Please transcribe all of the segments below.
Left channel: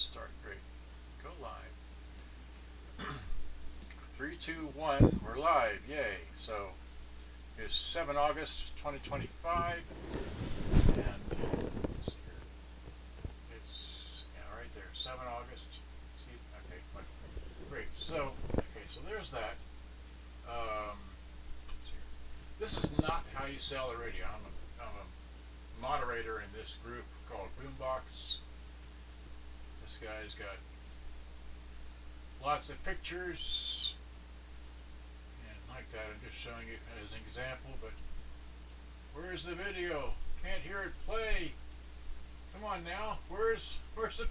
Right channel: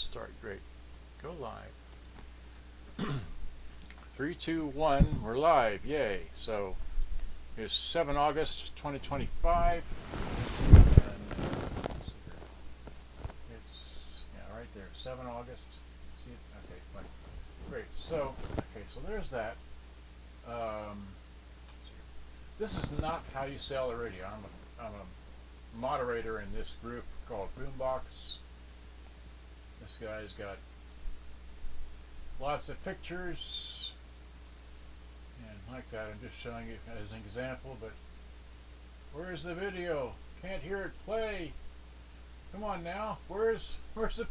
start. Great. Go live. 3, 2, 1. We're live. Yay. So it's 7 August 2025. And let's see here. It's right there. 7 August. See it? Okay, fine. Great. So there's that. This is not how you sell a radio. I'm a moderator in this group called Boombox. This guy's got lots of pictures and like that. I'm just showing you as an example, but where's the video? Can't hear it play. Come on now. Where's the,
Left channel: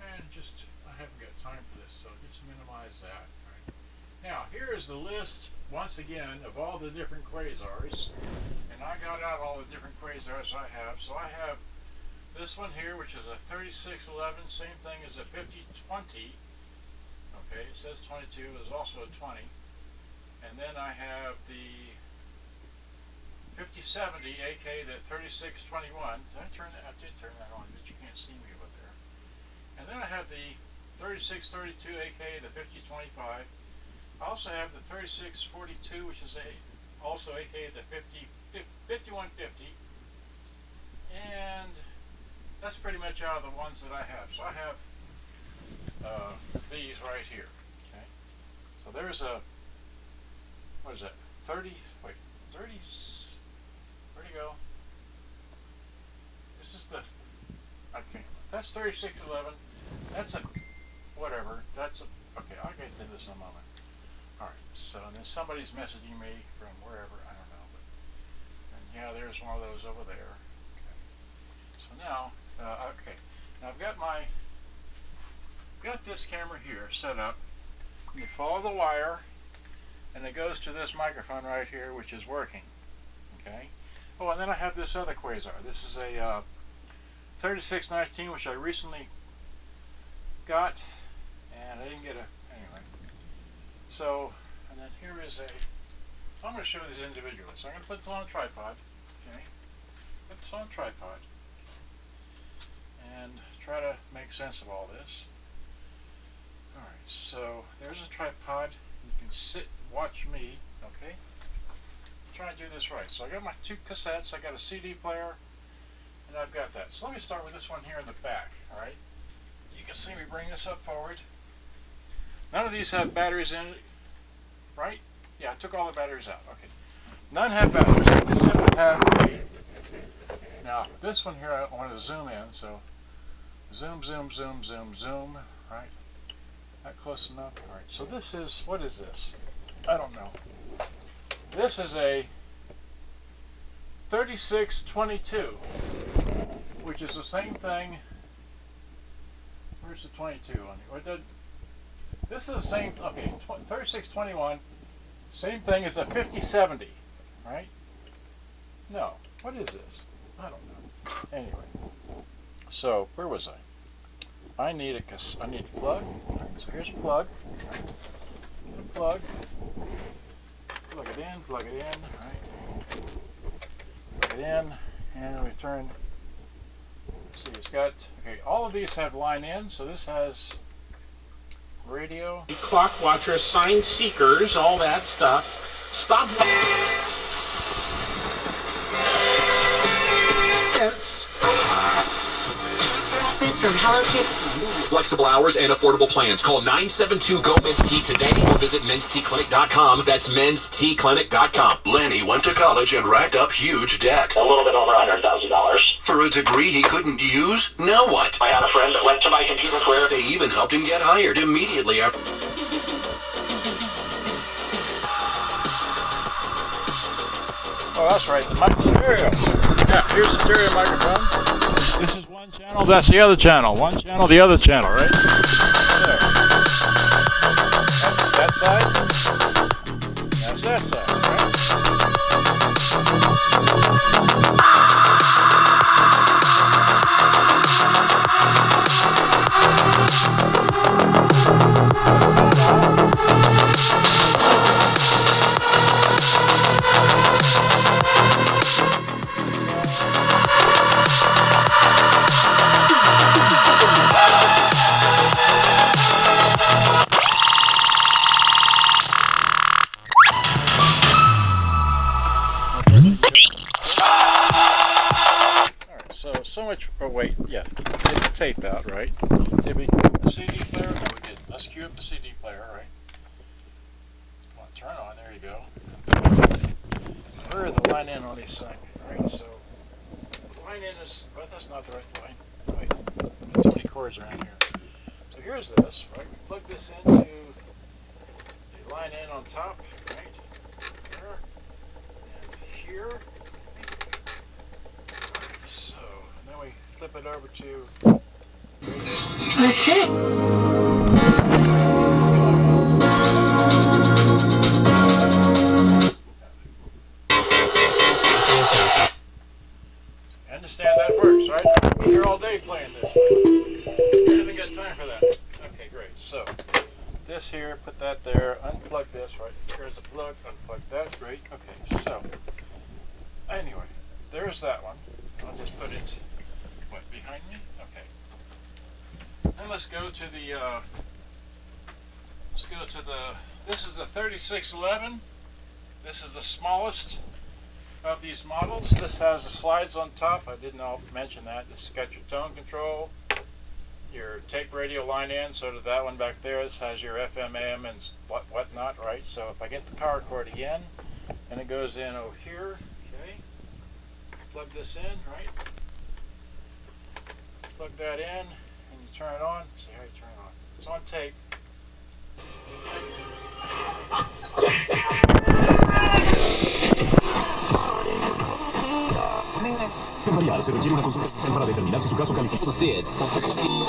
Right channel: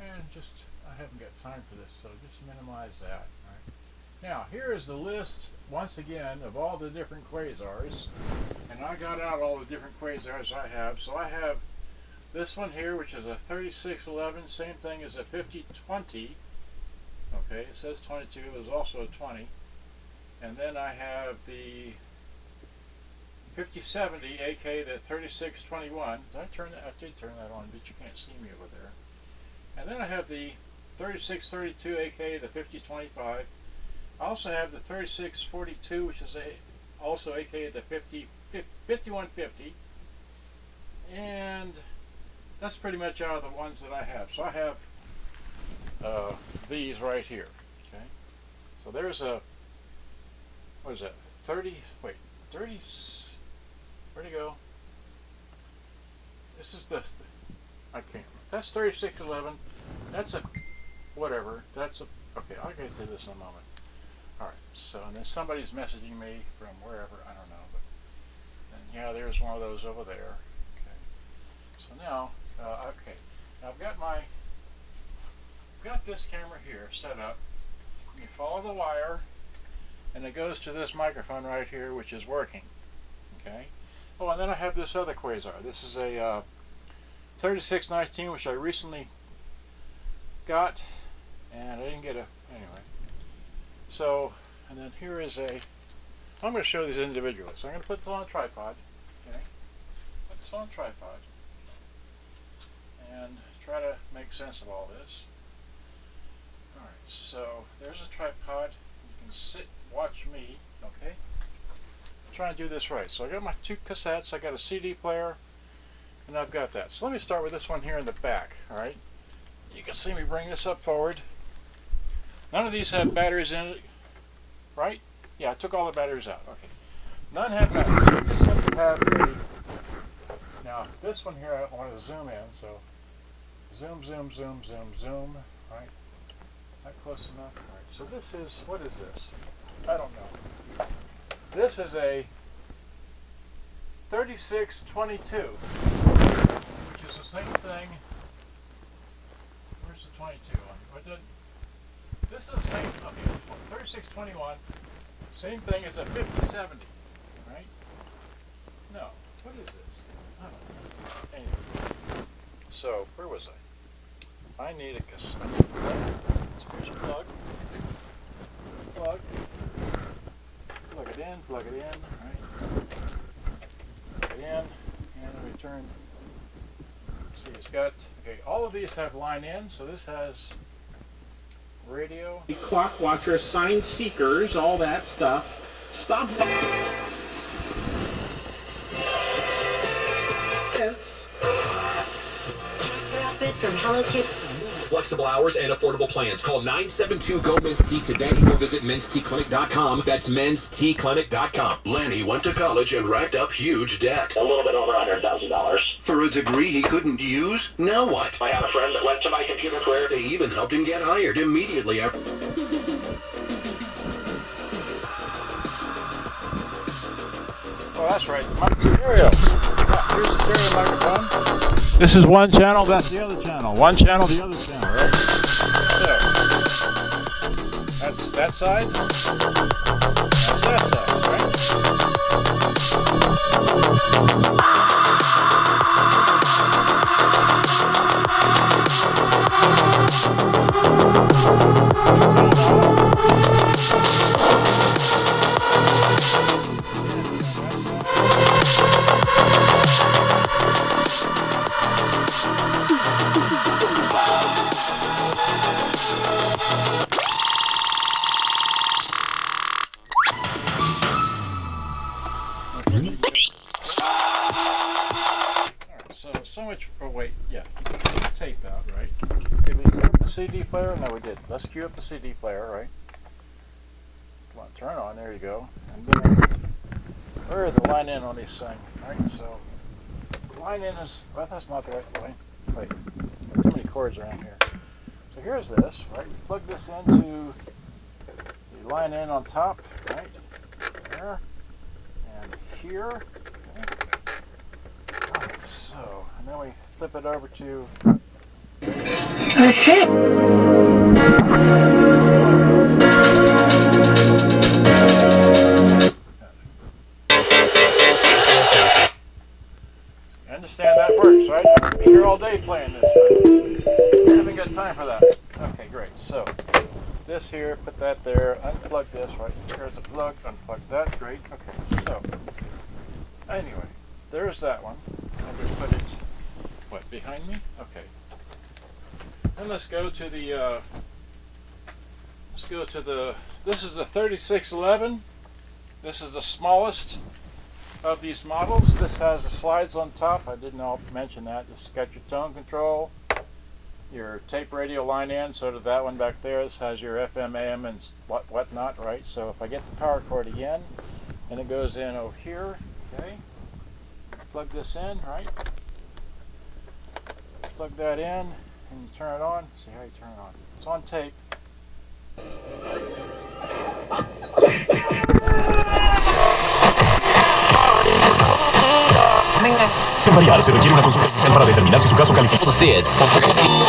and just I haven't got time for this, so just minimize that. Right. Now here is the list once again of all the different Quasars, and I got out all the different Quasars I have. So I have this one here, which is a 3611, same thing as a 5020. Okay, it says 22, there's also a 20. And then I have the 5070, aka the 3621. Did I turn that? I did turn that on, but you can't see me over there. And then I have the 3632, aka the 5025. I also have the 3642, which is also aka the 5150. And that's pretty much all the ones that I have. So I have these right here. Okay. So there's a, what is that? 30, wait, 30, where'd it go? This is the, I can't, that's 3611. That's a, whatever, that's a, okay, I'll get to this in a moment. Alright, so, and then somebody's messaging me from wherever, I don't know, but, and yeah, there's one of those over there. Okay. So now, okay, now I've got this camera here set up. You follow the wire, and it goes to this microphone right here, which is working. Okay. Oh, and then I have this other Quasar. This is a 3619, which I recently got, and I didn't get a, anyway. So, and then here is a, I'm going to show these individually. So I'm going to put this on a tripod. Okay. Put this on a tripod. And try to make sense of all this. Alright, so there's a tripod. You can sit, watch me, okay? Try and do this right. So I got my 2 cassettes, I got a CD player, and I've got that. So let me start with this one here in the back, alright? You can see me bring this up forward. None of these have batteries in it, right? Yeah, I took all the batteries out, okay. None have batteries. I just simply have the, now this one here I want to zoom in, so zoom, zoom, zoom, zoom, zoom, right? Not close enough. All right, so this is, what is this? I don't know. This is a 3622, which is the same thing. Where's the 22 on here? What did, this is the same, okay, 3621, same thing as a 5070, right? No, what is this? I don't know. Anyway, so where was I? I need a plug. So here's a plug. Plug. Plug it in, right? Plug it in, and we turn. See, it's got, okay, all of these have line in, so this has radio. Clock watchers, sign seekers, all that stuff. Stop. From Hello Kitty. Flexible hours and affordable plans. Call 972-GO-MEN'S-T today or visit mensteclinic.com. That's mensteclinic.com. Lenny went to college and racked up huge debt. A little bit over $100,000. For a degree he couldn't use? Now what? I had a friend that went to my computer career. They even helped him get hired immediately after. Oh, that's right, the stereo. Yeah, here's the stereo microphone. This is one channel, that's the other channel. One channel, the other channel, right? There. That's that side. That's that side, right? get the tape out, right? Did we put the CD player? No, we did. Let's cue up the CD player, right? Come on, turn on. There you go. Where is the line in on this thing? Right, so the line in is, well, that's not the right line. Wait, there's too many cords around here. So here's this, right? We plug this into the line in on top, right? There and here. Okay. Right, so, and then we flip it over to. That's it. You understand that works, right? I'll be here all day playing this. Right? I haven't got time for that. Okay, great. So, this here, put that there, unplug this, right? Here's the plug, unplug that, great. Okay, so, anyway, there's that one. I'll just put it, what, behind me? Okay. And let's go to the, this is the 3611. This is the smallest of these models. This has the slides on top. I didn't mention that. It's got your tone control, your tape radio line in, so did that one back there. This has your FM, AM, and whatnot, right? So if I get the power cord again, and it goes in over here, okay? Plug this in, right? Plug that in, and you turn it on. See how you turn it on. It's on tape. Variar se requiere una consulta inicial para determinar si su caso califica.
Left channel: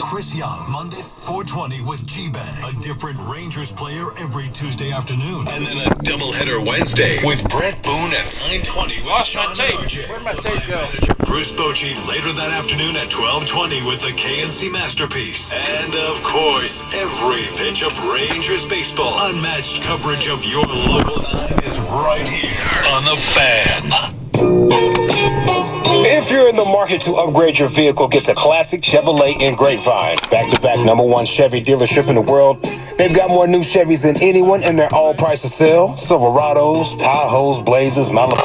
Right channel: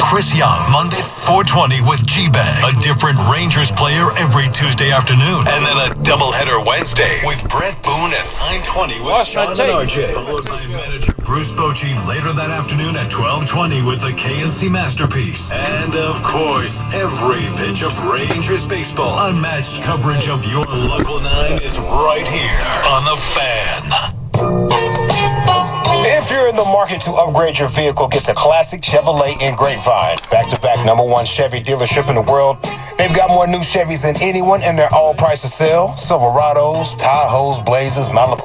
Chris Young, Mondays 420 with G-Bang. A different Rangers player every Tuesday afternoon. And then a doubleheader Wednesday with Brett Boone at 920 with Lost Sean my and tape. RJ. Where'd my tape go? Manager Bruce Bochy later that afternoon at 1220 with the KNC Masterpiece. And of course, every pitch of Rangers baseball. Unmatched coverage of your local 9 is right here on The Fan. If you're in the market to upgrade your vehicle, get to Classic Chevrolet in Grapevine. Back-to-back #1 Chevy dealership in the world. They've got more new Chevys than anyone, and they're all price to sell. Silverados, Tahoes, Blazers, Malibu.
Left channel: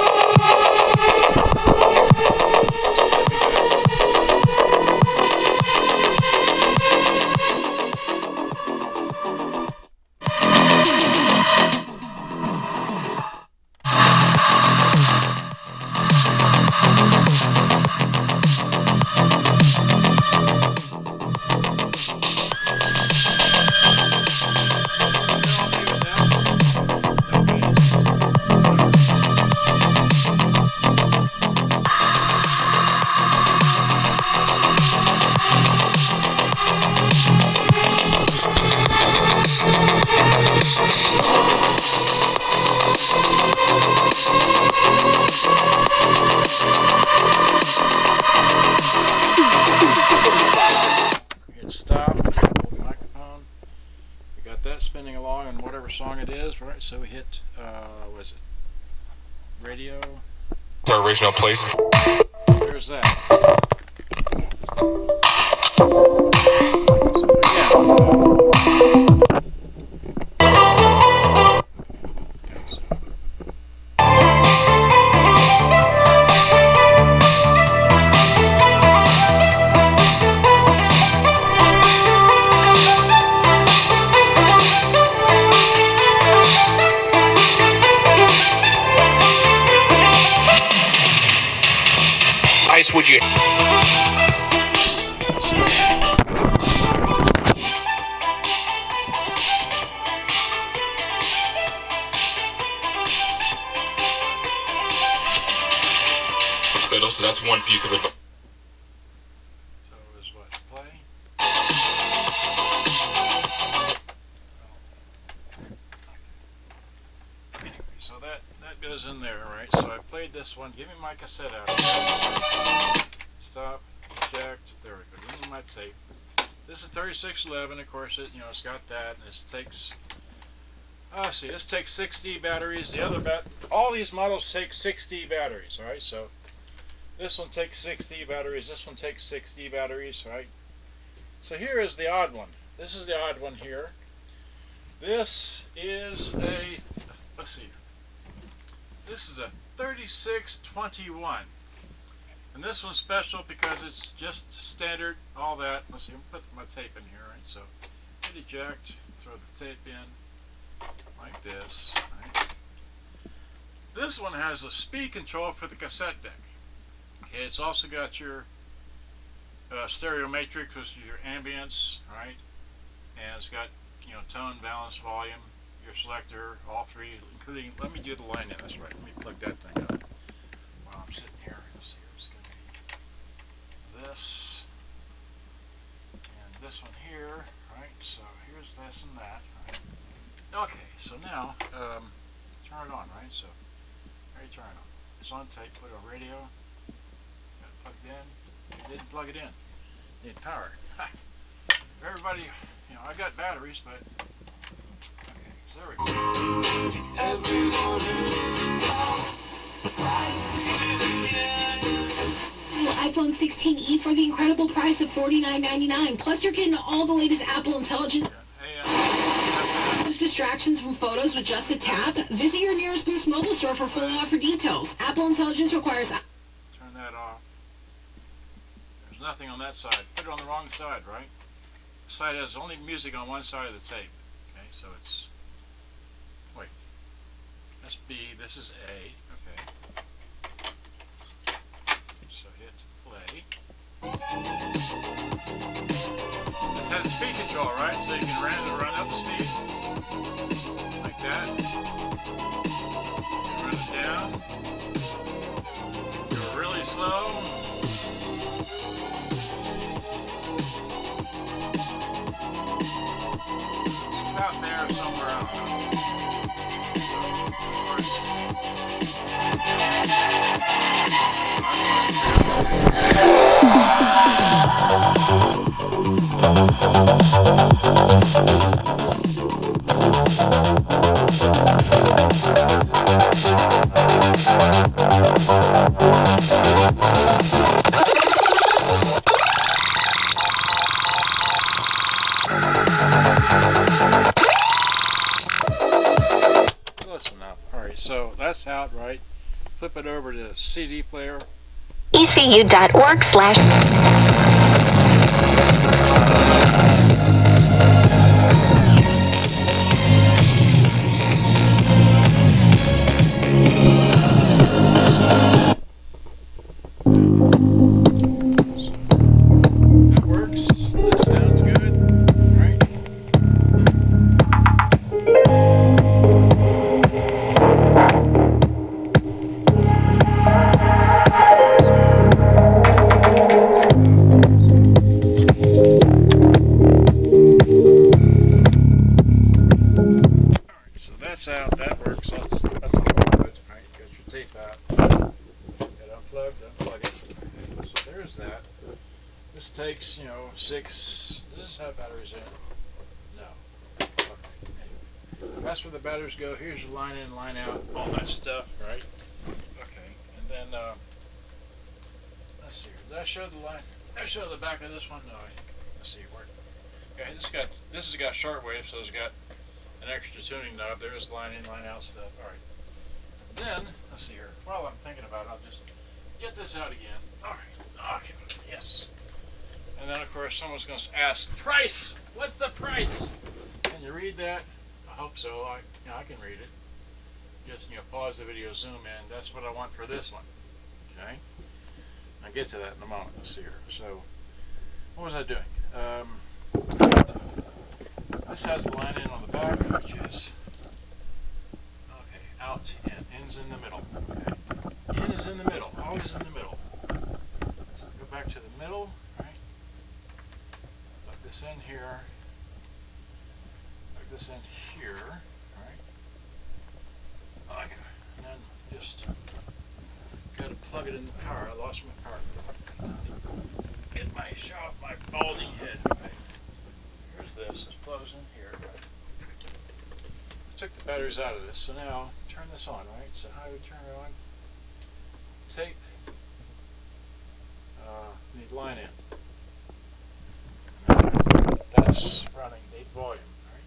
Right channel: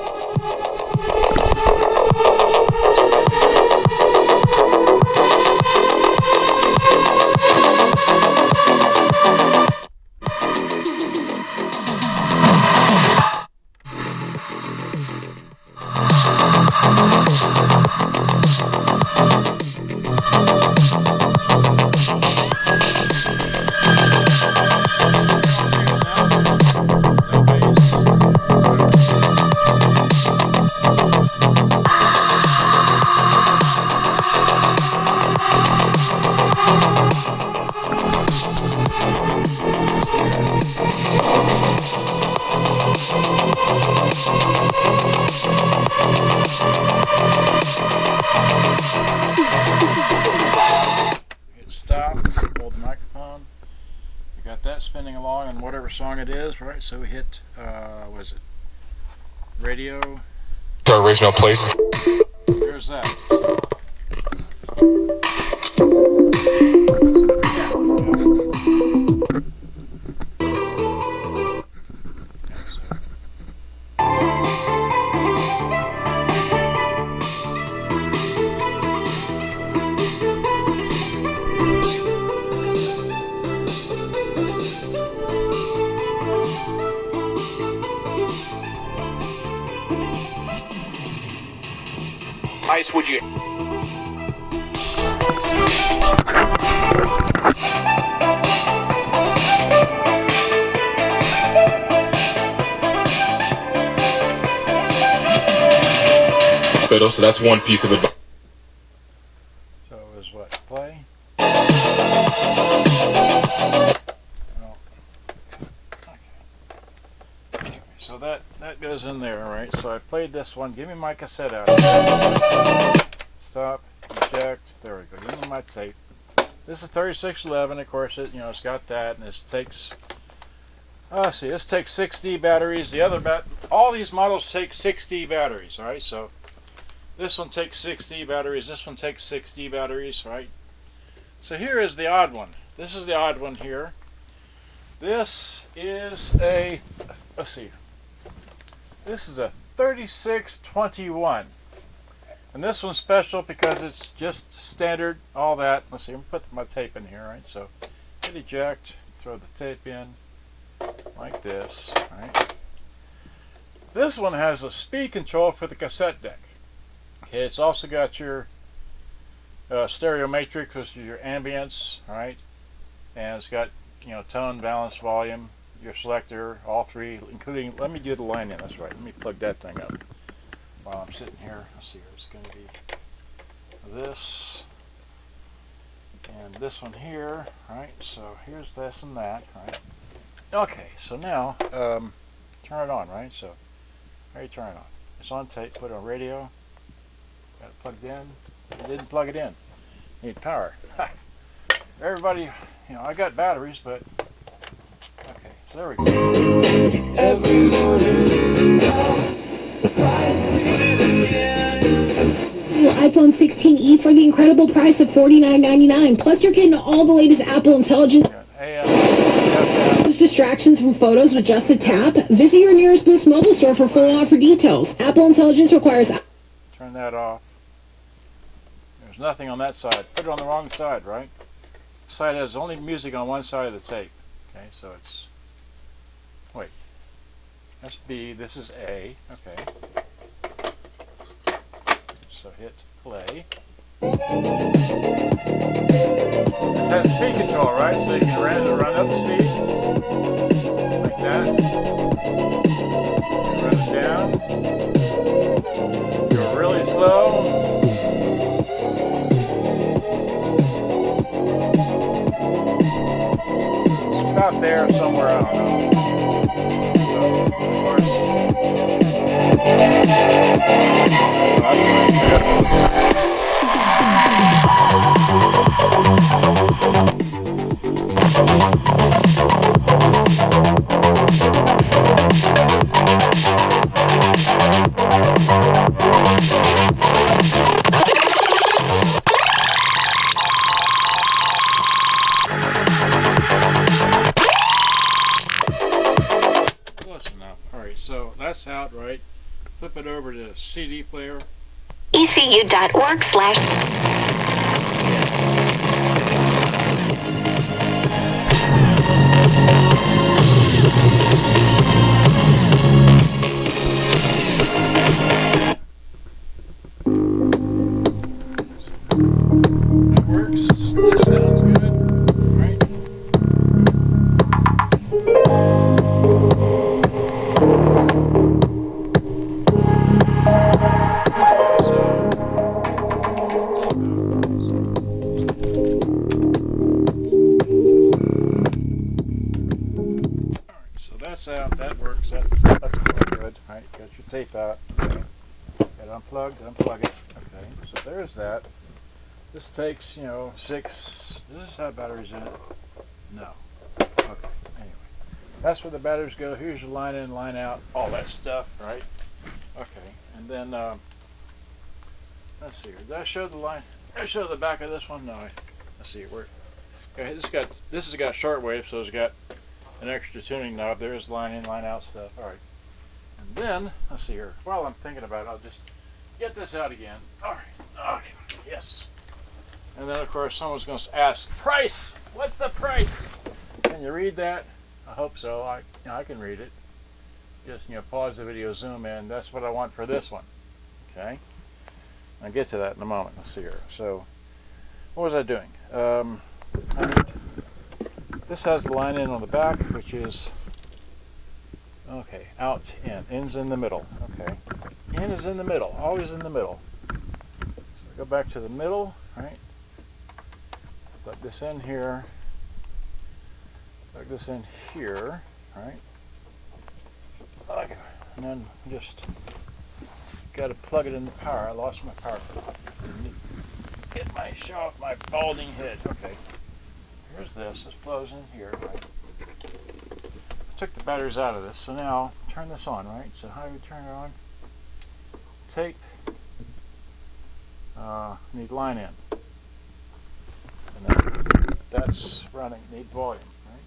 Spinning along on whatever song it is, right? So we hit, what is it? Radio. The original place. There's that. Ice, would you? So that's one piece of advice. So it was what? Play? No. Okay. Anyway, so that goes in there, right? So I played this one. Give me my cassette out. Stop. Eject. There we go. Give me my tape. This is 3611. Of course, it's got that, and this takes. Let's see. This takes 60 batteries. The other all these models take 60 batteries. All right. So this one takes 60 batteries. This one takes 60 batteries. Right. So here is the odd one. This is the odd one here. This is a. Let's see. This is a 3621. And this one's special because it's just standard, all that. Let's see, I'm put my tape in here, right? So hit eject, throw the tape in like this, right? This one has a speed control for the cassette deck. Okay, it's also got your stereo matrix, which is your ambience, right? And it's got, you know, tone, balance, volume, your selector, all three, including, let me do the line in, that's right. Let me plug that thing up while I'm sitting here. Let's see, it's going to be this and this one here, right? So here's this and that, right? Okay, so now turn it on, right? So how do you turn it on? It's on tape, put it on radio, got it plugged in. You didn't plug it in. Need power. Everybody, you know, I got batteries, but okay, so there we go. iPhone 16e for the incredible price of $49.99. Plus, you're getting all the latest Apple Intelligence. Distractions from photos with just a tap. Visit your nearest Boost mobile store for full offer details. Apple Intelligence requires... Turn that off. There's nothing on that side. Put it on the wrong side, right? The side has only music on one side of the tape. Okay, so it's... Wait. That's B. This is A. Okay. So hit play. This has speed control, right? So you can run up the speed. Like that. And run it down. Go really slow. It's about there somewhere, I don't know. So, of course. Close enough. Alright, so that's out, right? Flip it over to CD player. ECU.org/. That works. This sounds good, right? Alright, so that's out. That works. That's good. Alright, got your tape out. And unplugged, unplug it. Okay, so there's that. This takes, you know, 6. Does this have batteries in it? No. Okay, anyway. That's where the batteries go. Here's your line in, line out, all that stuff, right? Okay, and then, let's see here. Did I show the line? Did I show the back of this one? No. Let's see, where? Okay, this has got shortwave, so it's got an extra tuning knob. There's line in, line out stuff. Alright. And then, let's see here. While I'm thinking about it, I'll just get this out again. Alright. Okay. Yes. And then, of course, someone's going to ask, price! What's the price? Can you read that? I hope so. I can read it. Just, you know, pause the video, zoom in. That's what I want for this one. Okay? I'll get to that in a moment. Let's see here. So, what was I doing? This has the line in on the back, which is, okay, out, in. In's in the middle. Okay. In is in the middle. Always in the middle. So go back to the middle, right? Plug this in here. Plug this in here, right? Okay. And then just got to plug it in the power. I lost my power. Show off my balding head. Okay. Here's this. This plugs in here, right? I took the batteries out of this, so now turn this on, right? So how do we turn it on? Tape. Need line in. And then that's running. Need volume, right?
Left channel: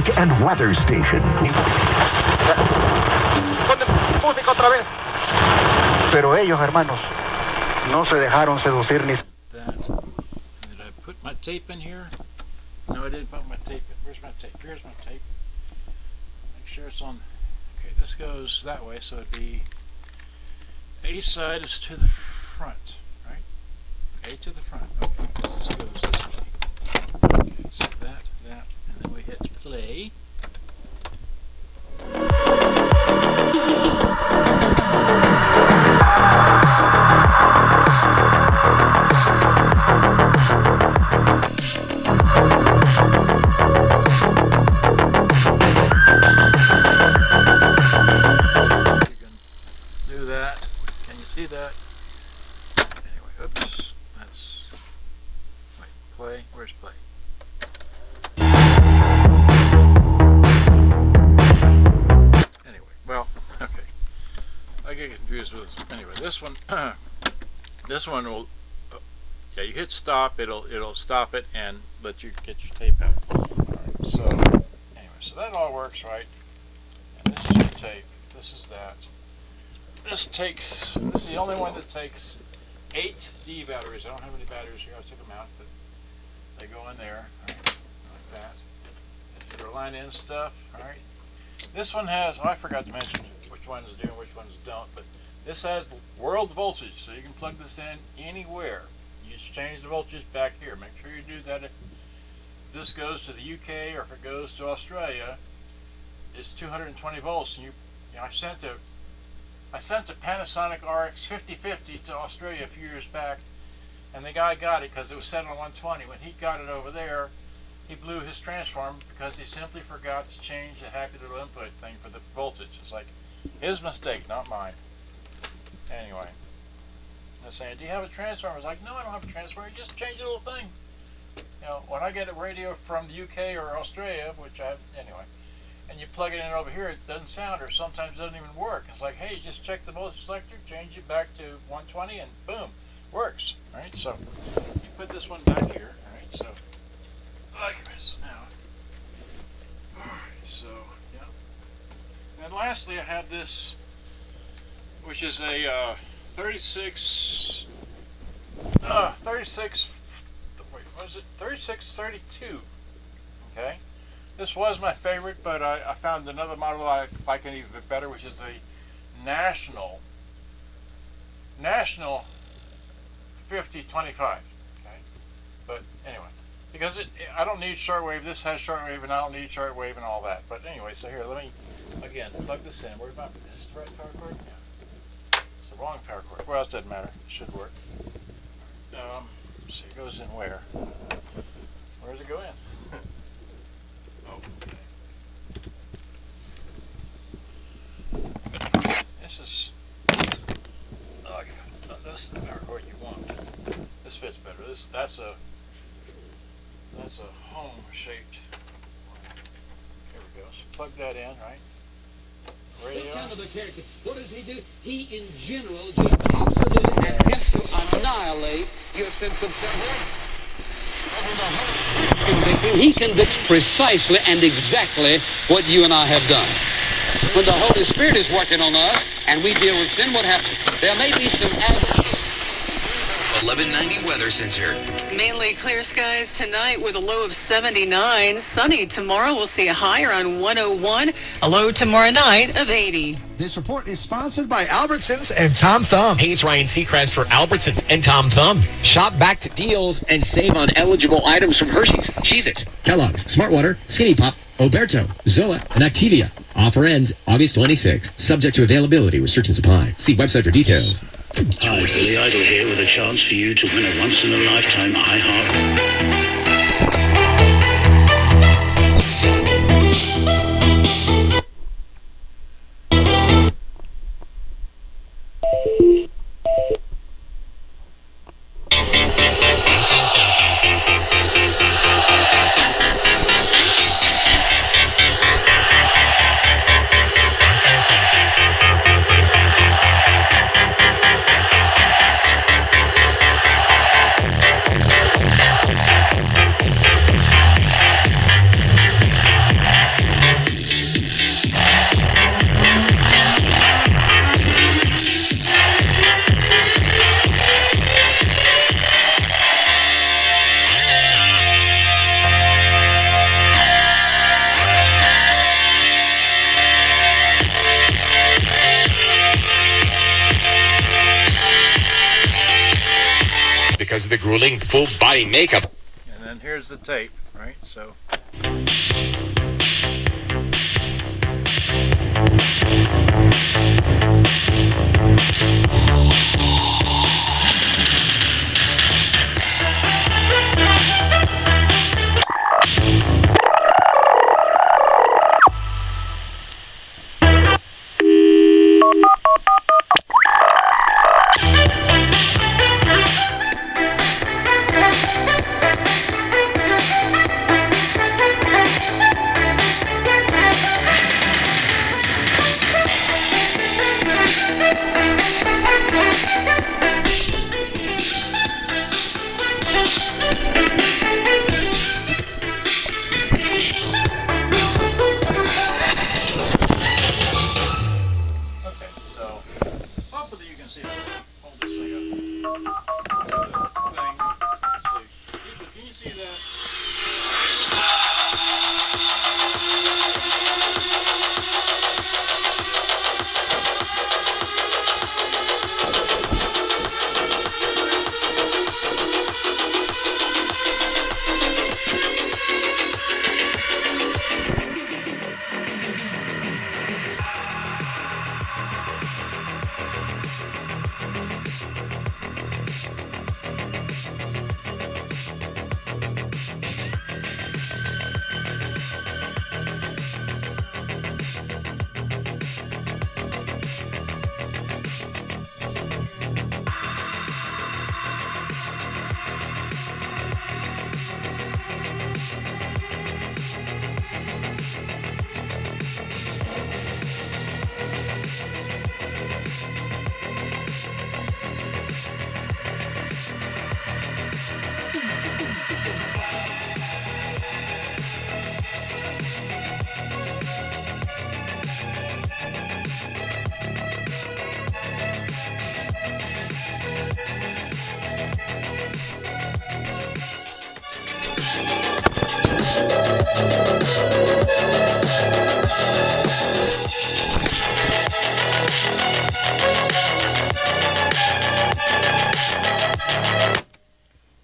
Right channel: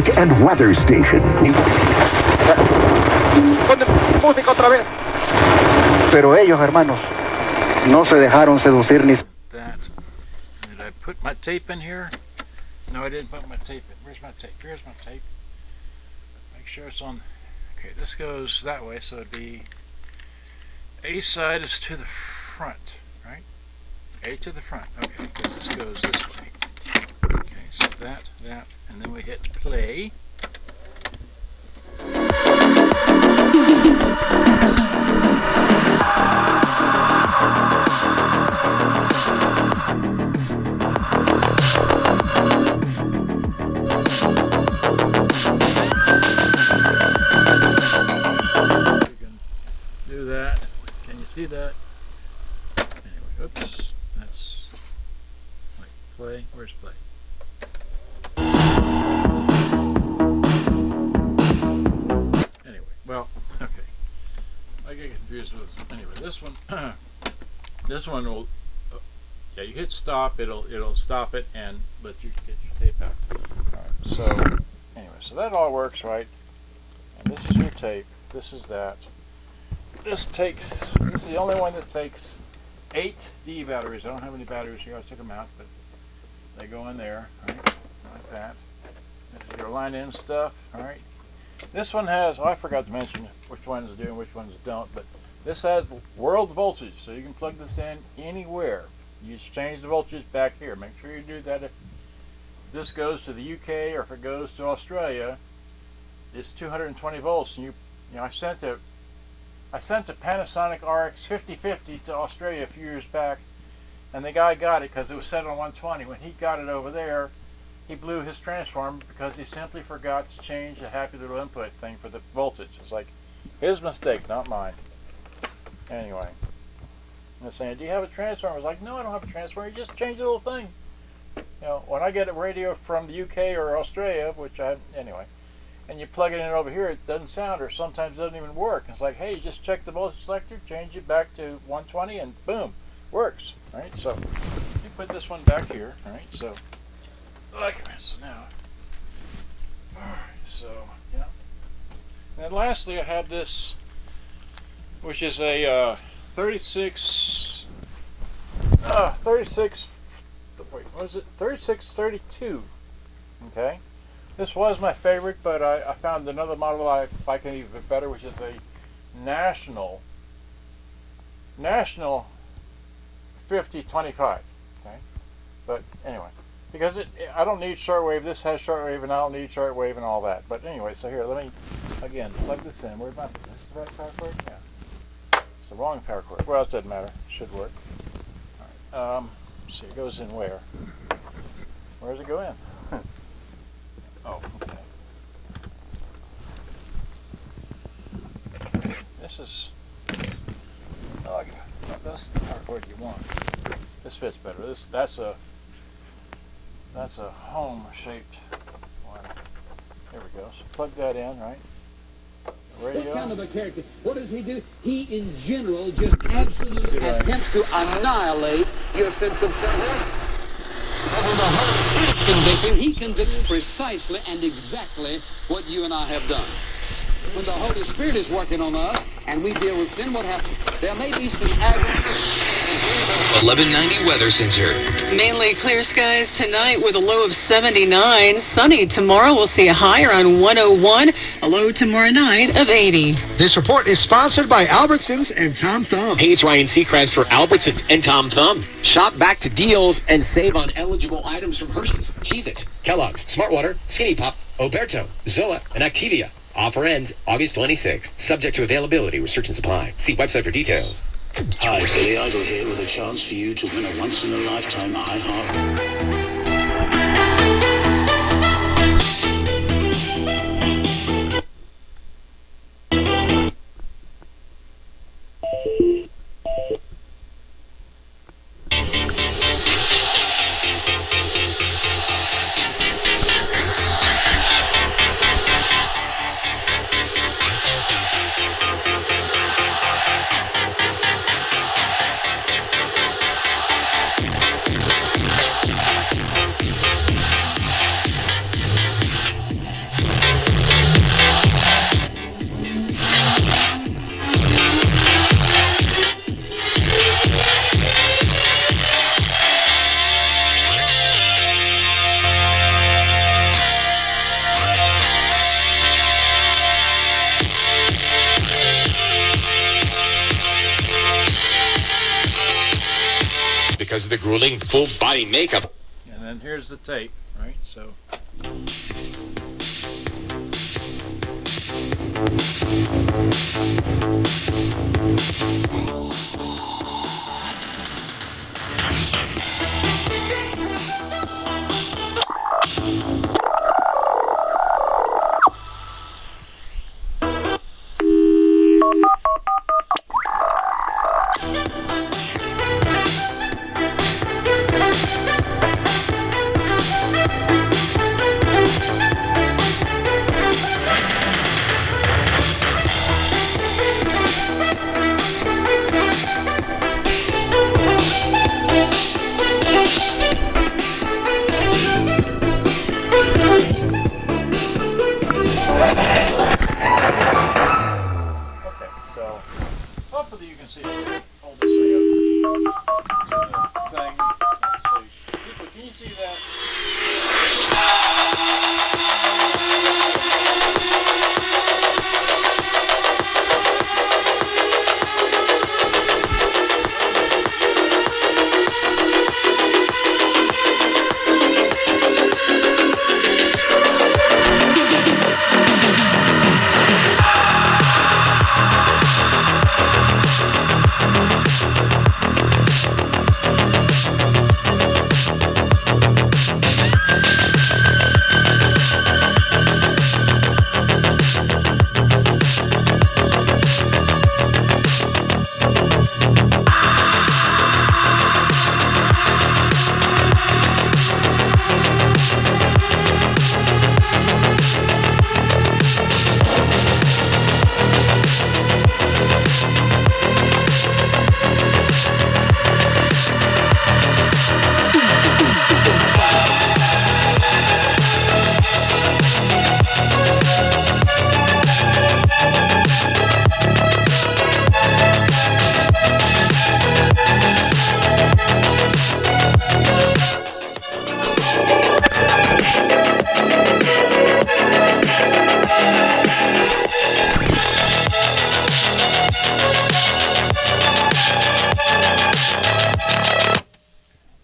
traffic and weather station. Música otra vez. Pero ellos, hermanos, no se dejaron seducir ni... That. Did I put my tape in here? No, I didn't put my tape in. Where's my tape? Here's my tape. Make sure it's on. Okay, this goes that way, so it'd be A side is to the front, right? A to the front. Okay, this goes this way. Okay, so that, and then we hit play. See that? Anyway, oops, that's, wait, play, where's play? Anyway, well, okay, I get confused with, anyway, this one, this one will, yeah, you hit stop, it'll stop it and let you get your tape out. Alright, so, anyway, so that all works, right? And this is your tape, this is that. This is the only one that takes 8 D batteries. I don't have any batteries here, I took them out, but they go in there, right, like that. This is your line in stuff, alright. This one has, I forgot to mention which ones do and which ones don't, but this has world voltage, so you can plug this in anywhere. You just change the voltage back here. Make sure you do that if this goes to the UK or if it goes to Australia. It's 220 volts, and you know, I sent a Panasonic RX-5030 to Australia a few years back, and the guy got it because it was set on 120. When he got it over there, he blew his transformer because he simply forgot to change the happy little input thing for the voltage. It's like his mistake, not mine. Anyway, and they're saying, do you have a transformer? I was like, no, I don't have a transformer. You just change the little thing. You know, when I get a radio from the UK or Australia, which I, anyway, and you plug it in over here, it doesn't sound, or sometimes it doesn't even work. It's like, hey, just check the voltage selector, change it back to 120, and boom, works. All right, so you put this one back here. All right, so like this. So now, all right, so yeah. And then lastly, I have this, which is a 3632. Okay. This was my favorite, but I found another model I like it even better, which is a national 5025. Okay, but anyway, because I don't need shortwave. This has shortwave, and I don't need shortwave and all that. But anyway, so here, let me again plug this in. Where's my? Is this the right power cord? Yeah, it's the wrong power cord. Well, it doesn't matter. It should work. All right. So it goes in where? Where does it go in? Oh, okay. This is, oh God, no, that's the power cord you want. This fits better. That's a home shaped one. There we go. So plug that in, right? Radio. What kind of a character? What does he do? He, in general, just absolutely attempts to annihilate your sense of self-worth. Convicting, he convicts precisely and exactly what you and I have done. When the Holy Spirit is working on us and we deal with sin, what happens? There may be some other... 1190 weather center. Mainly clear skies tonight with a low of 79. Sunny tomorrow. We'll see a high around 101. A low tomorrow night of 80. This report is sponsored by Albertsons and Tom Thumb. Hey, it's Ryan Seacrest for Albertsons and Tom Thumb. Shop back to deals and save on eligible items from Hershey's, Cheez-It, Kellogg's, Smartwater, Skinny Pop, Oberto, Zoa, and Activia. Offer ends August 26th. Subject to availability. Restrictions apply. See website for details. Hi, Billy Idol here with a chance for you to win a once-in-a-lifetime iHeart. because of the grueling full body makeup. And then here's the tape, right? So.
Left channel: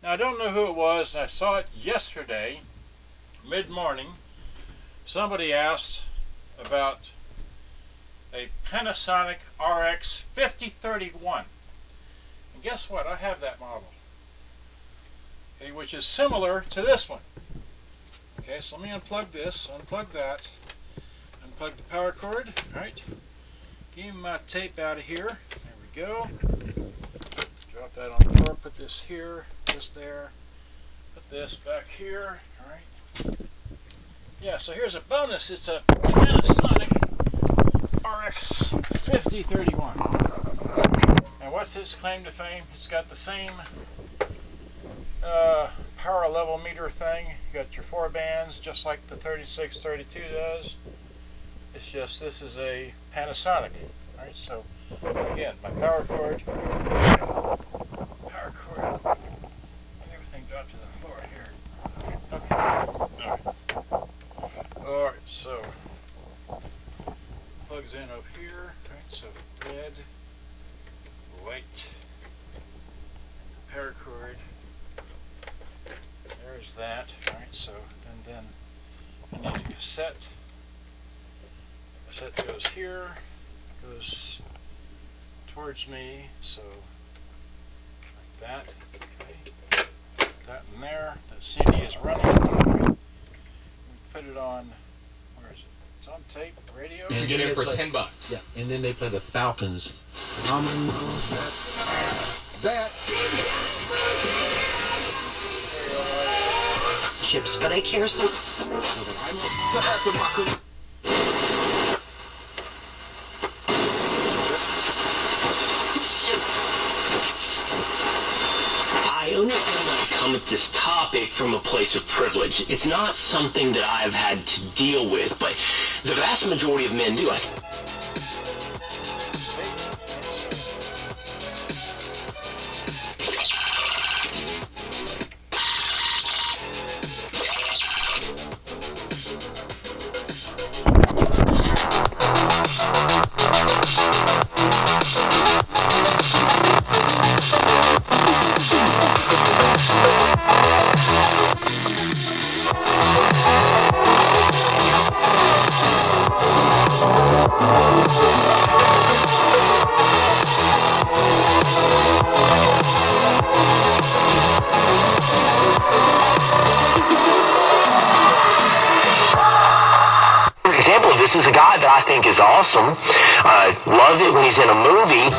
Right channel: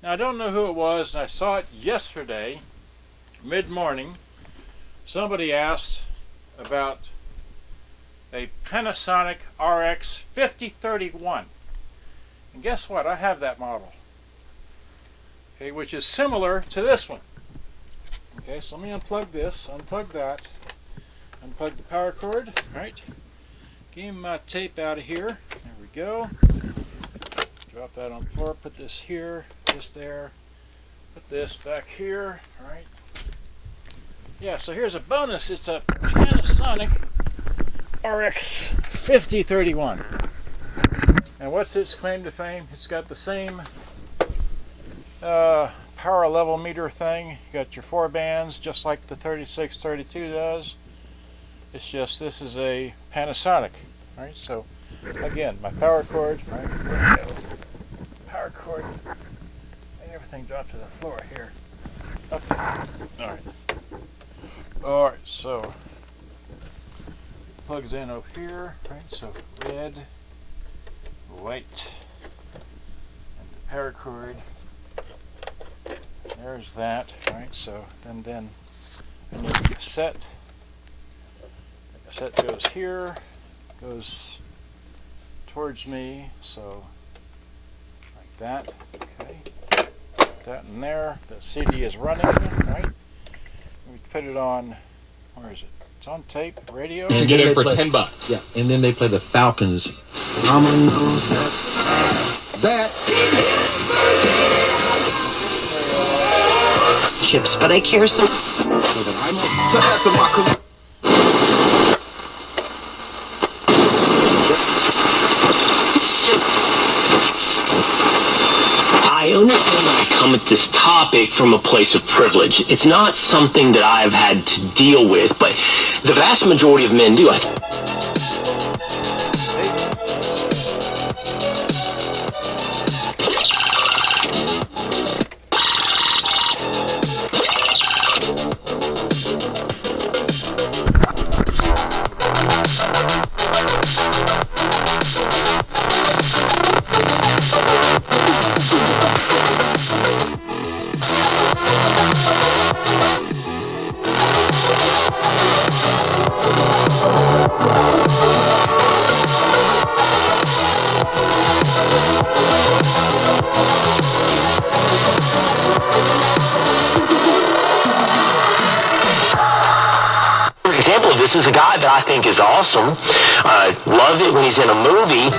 I don't know who it was. I saw it yesterday, mid-morning. Somebody asked about a Panasonic RX-5031. And guess what? I have that model. Okay, which is similar to this one. Okay, so let me unplug this, unplug that, unplug the power cord. Alright. Get my tape out of here. There we go. Drop that on the floor, put this here, this there, put this back here. Alright. Yeah, so here's a bonus. It's a Panasonic RX-5031. Now what's its claim to fame? It's got the same power level meter thing. You got your 4 bands just like the 3632 does. It's just this is a Panasonic. Alright, so again, my power cord, right? Power cord, and everything dropped to the floor here. Alright. Alright, so plugs in over here, right? So red, white, and the power cord. There's that, right? So then I need a cassette. The cassette goes here, goes towards me, so like that. Okay, put that in there. The CD is running. Right? We put it on. Where is it? It's on tape, radio. You can get it for $10. Yeah, and then they play the Falcons. That. Chips, but I care so. I understand that I come at this topic from a place of privilege. It's not something that I've had to deal with, but the vast majority of men do. This is a guy that I think is awesome. Love it when he's in a movie.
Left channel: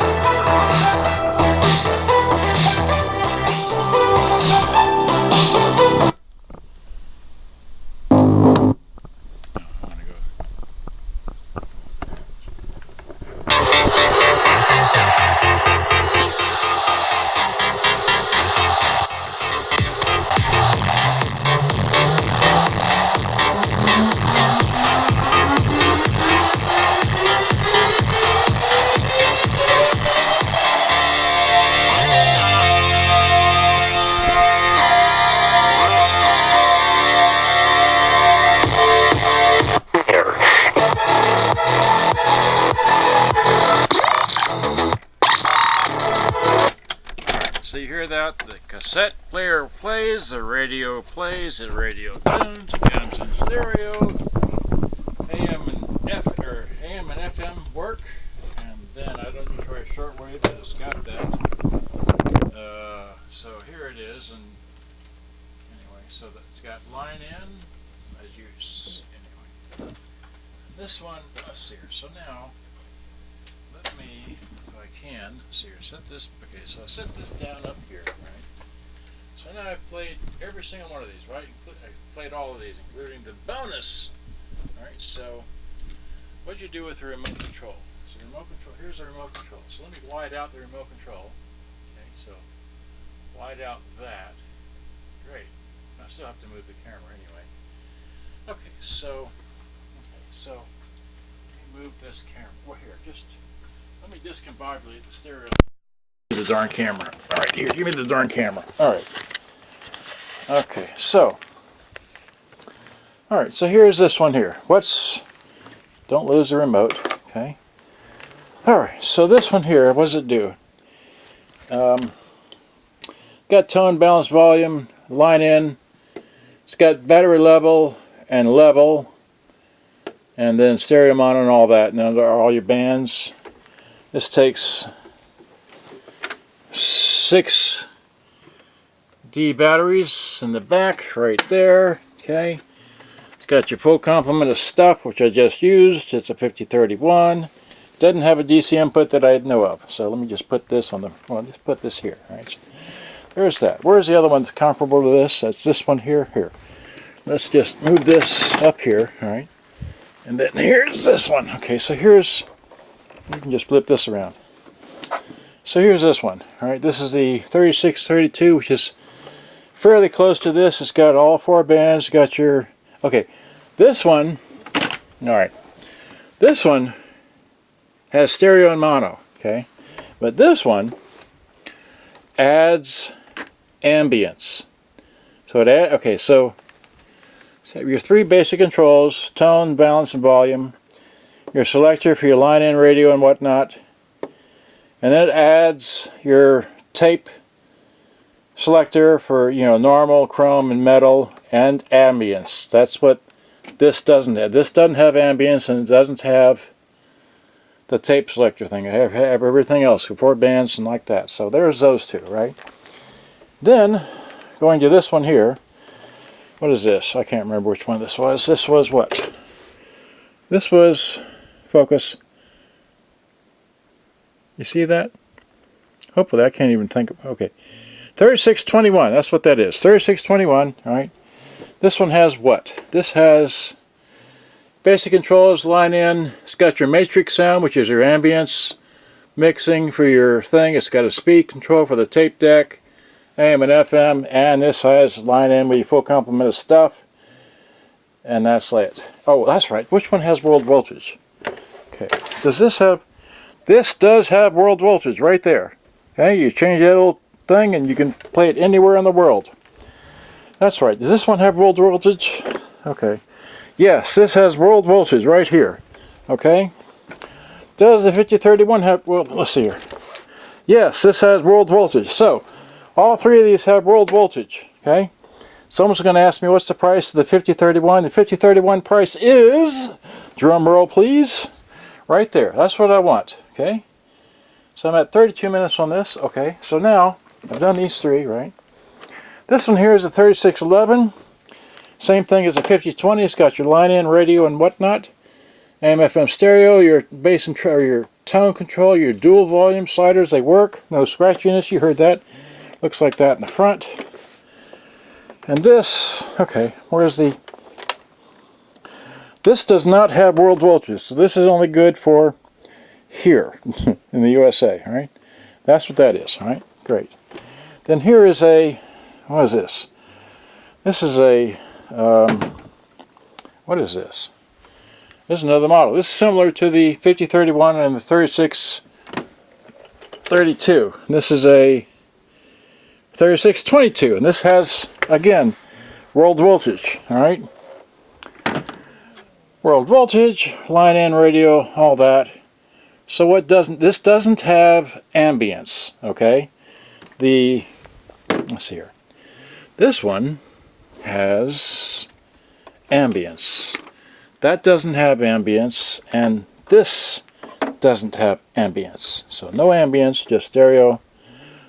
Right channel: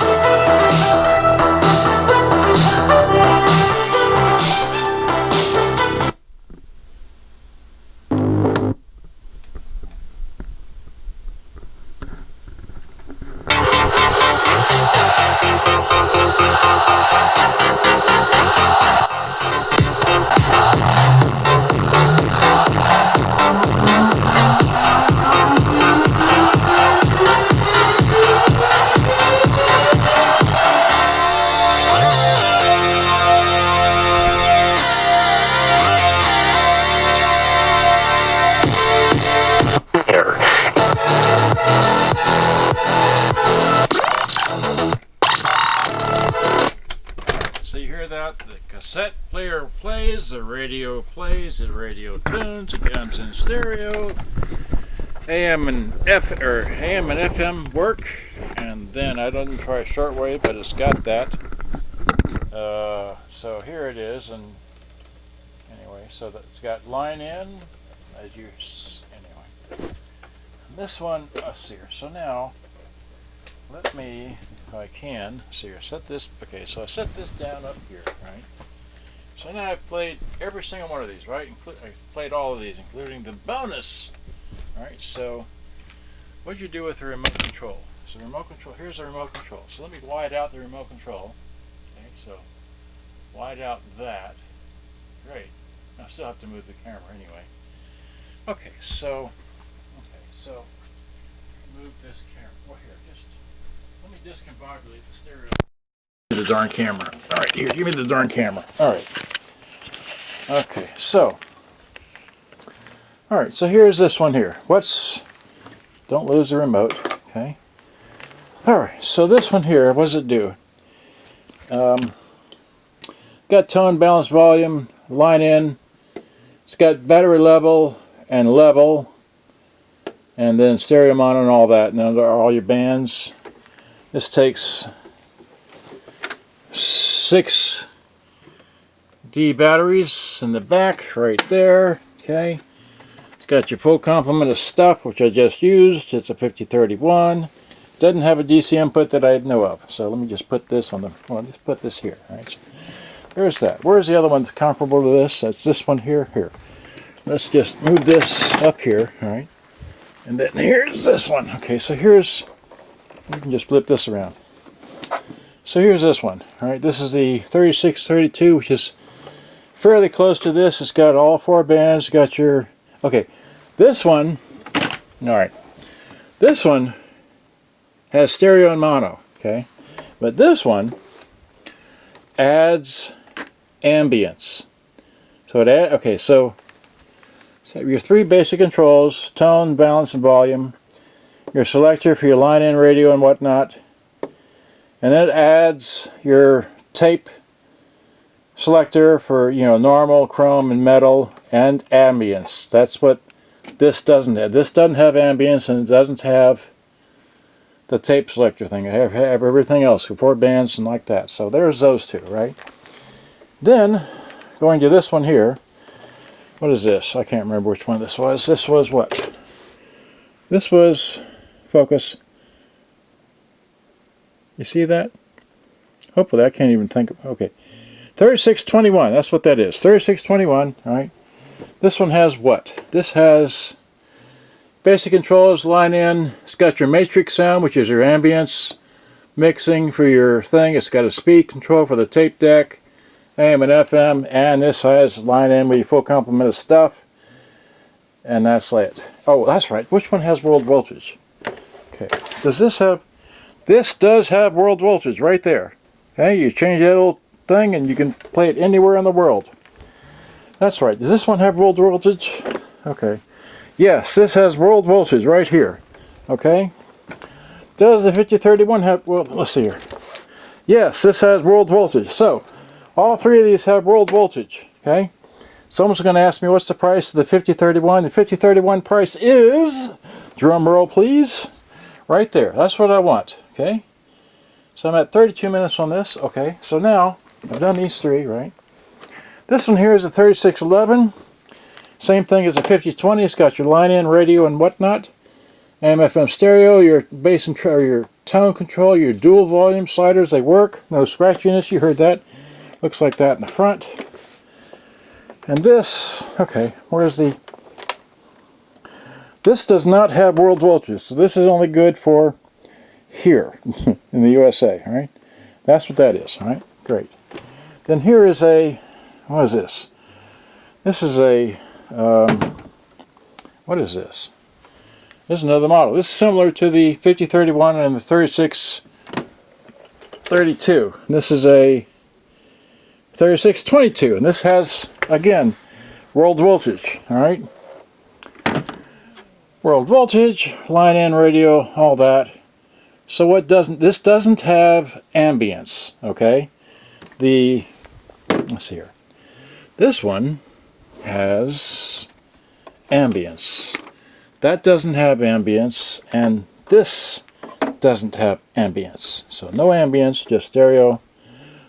So you hear that? The cassette player plays, the radio plays, the radio tunes, it comes in stereo. AM and FM work, and then I didn't try shortwave, but it's got that. So here it is, and anyway, so that's got line in, as you anyway. This one, let's see here. So now, let me, if I can, see here, set this. Okay, so I set this down up here, right? So now I've played every single one of these, right? I played all of these, including the bonus. All right. So, what'd you do with the remote control? So the remote control. Here's the remote control. So let me wide out the remote control. Okay. So wide out that. Great. I still have to move the camera anyway. Okay. So move this camera. Well, here, just let me discombobulate the stereo. The darn camera. All right, here, give me the darn camera. All right. Okay, so. All right, so here's this one here. Don't lose the remote, okay? All right, so this one here, what does it do? Got tone, balance, volume, line in. It's got battery level, and then stereo mono and all that, and then there are all your bands. This takes 6 D batteries in the back right there. Okay, it's got your full complement of stuff, which I just used. It's a 5031. Doesn't have a DC input that I know of, so let me just put this on the, well, just put this here. All right, so there's that. Where's the other one that's comparable to this? That's this one here. Let's just move this up here. All right, and then here's this one. Okay, so here's, you can just flip this around. So here's this one. All right, this is the 3632, which is fairly close to this. It's got all 4 bands. Got your, okay, this one, all right, this one has stereo and mono, okay, but this one adds ambience. So okay, so your 3 basic controls: tone, balance, and volume. Your selector for your line-in radio and whatnot. And then it adds your tape selector for, you know, normal, chrome, and metal, and ambience. That's what this doesn't have. This doesn't have ambience, and it doesn't have the tape selector thing. I have everything else, 4 bands and like that. So there's those 2, right? Then, going to this one here. What is this? I can't remember which one this was. This was what? This was, focus. You see that? Hopefully I can't even think of, okay. 3621, that's what that is. 3621, alright. This one has what? This has basic controls, line in. It's got your matrix sound, which is your ambience mixing for your thing. It's got a speed control for the tape deck, AM and FM, and this has line in with your full complement of stuff. And that's it. Oh, that's right. Which one has world voltage? Okay. Does this have... This does have world voltage right there. Okay, you change that little thing and you can play it anywhere in the world. That's right. Does this one have world voltage? Okay. Yes, this has world voltage right here. Okay. Does the 5031 have, well, let's see here. Yes, this has world voltage. So, all 3 of these have world voltage. Okay. Someone's going to ask me what's the price of the 5031. The 5031 price is, drum roll please, right there. That's what I want. Okay, so I'm at 32 minutes on this. Okay, so now I've done these 3, right? This one here is a 3611. Same thing as a 5020. It's got your line-in radio and whatnot. AM/FM stereo, your bass and or your tone control, your dual volume sliders, they work. No scratchiness, you heard that. Looks like that in the front. And this, okay, where's the... This does not have world voltage, so this is only good for here in the USA, all right? That's what that is, all right? Great. Then here is a, what is this? This is a, what is this? This is another model. This is similar to the 5031 and the 3632. This is a 3622, and this has, again, world voltage, all right? World voltage, line in radio, all that. So what doesn't, this doesn't have ambience, okay? Let's see here. This one has ambience. That doesn't have ambience, and this doesn't have ambience. So no ambience, just stereo.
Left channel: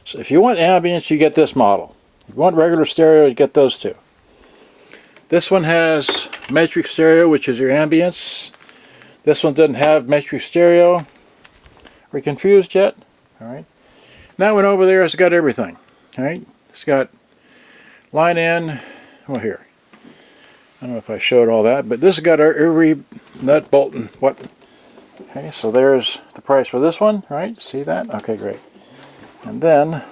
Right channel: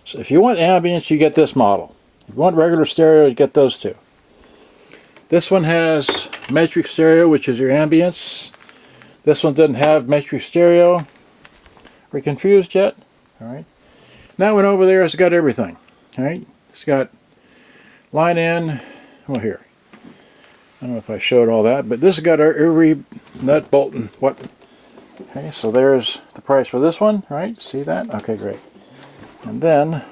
So if you want ambience, you get this model. If you want regular stereo, you get those two. This one has matrix stereo, which is your ambience. This one doesn't have matrix stereo. Are we confused yet? All right. That one over there has got everything. All right. It's got line in. Well, here. I don't know if I showed all that, but this has got every nut, bolt, and what. Okay, so there's the price for this one. Right? See that? Okay, great. And then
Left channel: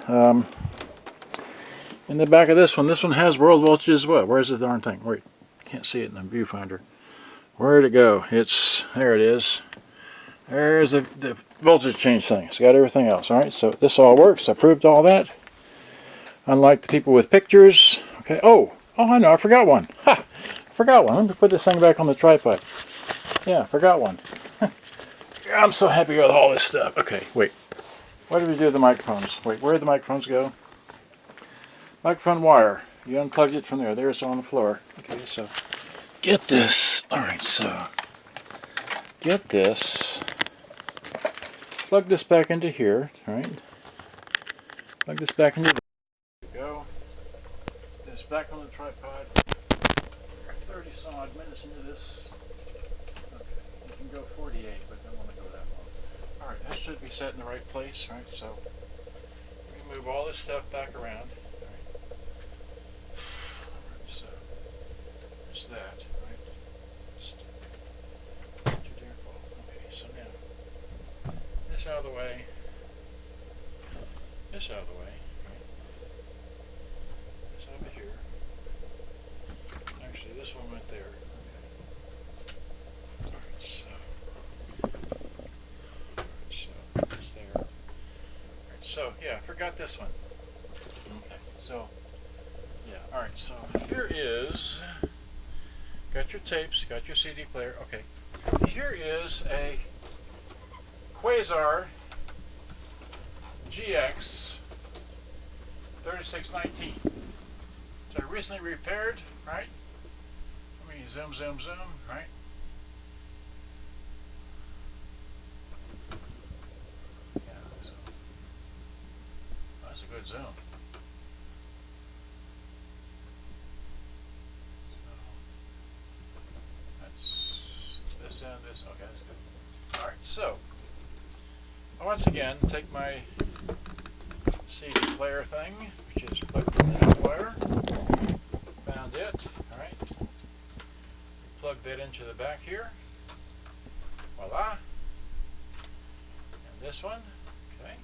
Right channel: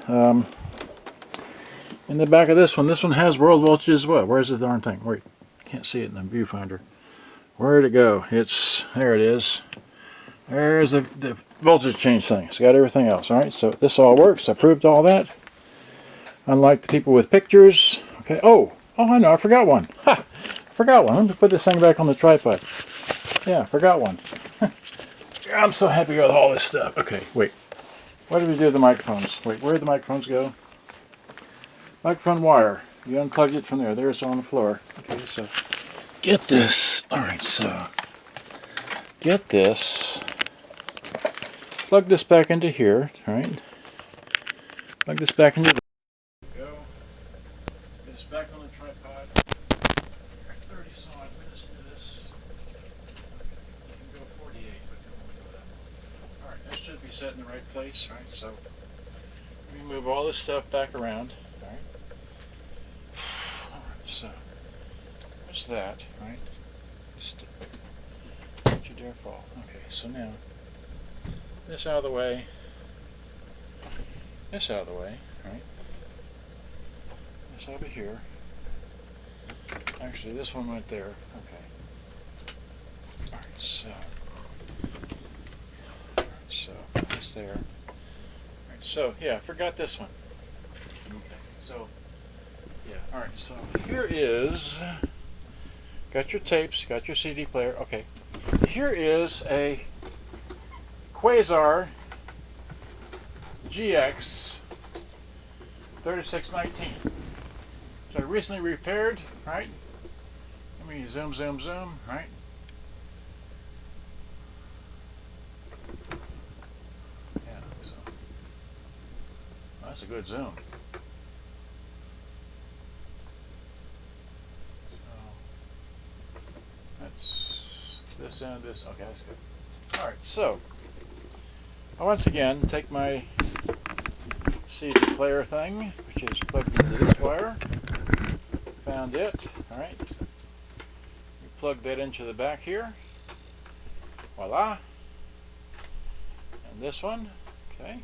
in the back of this one has world voltage as well. Where's the darn thing? Wait, can't see it in the viewfinder. Where'd it go? There it is. There's the voltage change thing. It's got everything else. All right, so this all works. I proved all that. Unlike the people with pictures. Okay. Oh, I know. I forgot one. Ha! I forgot one. Let me put this thing back on the tripod. Yeah, I forgot one. I'm so happy with all this stuff. Okay, wait. What did we do with the microphones? Wait, where did the microphones go? Microphone wire. You unplugged it from there. There's on the floor. Okay, so get this. All right, so get this. Plug this back into here. All right. Plug this back into there. There you go. This back on the tripod. 30-some odd minutes into this. Okay. You can go 48, but don't want to go that long. All right, that should be set in the right place. All right, so we move all this stuff back around. So, there's that, right? Don't you dare fall. Okay, so now, this out of the way, this out of the way, right? This over here. Actually, this one went there. Okay. Alright, so this there. Alright, so, yeah, I forgot this one. Okay, so, yeah, alright, so here is, got your tapes, got your CD player, okay. Here is a Quasar GX3619, which I recently repaired, right? Let me zoom, right? Yeah, so, well, that's a good zoom. This and this. Okay, that's good. Alright, so I once again take my CD player thing, which is plugged into this wire. Found it. Alright. We plug that into the back here. Voila. And this one. Okay.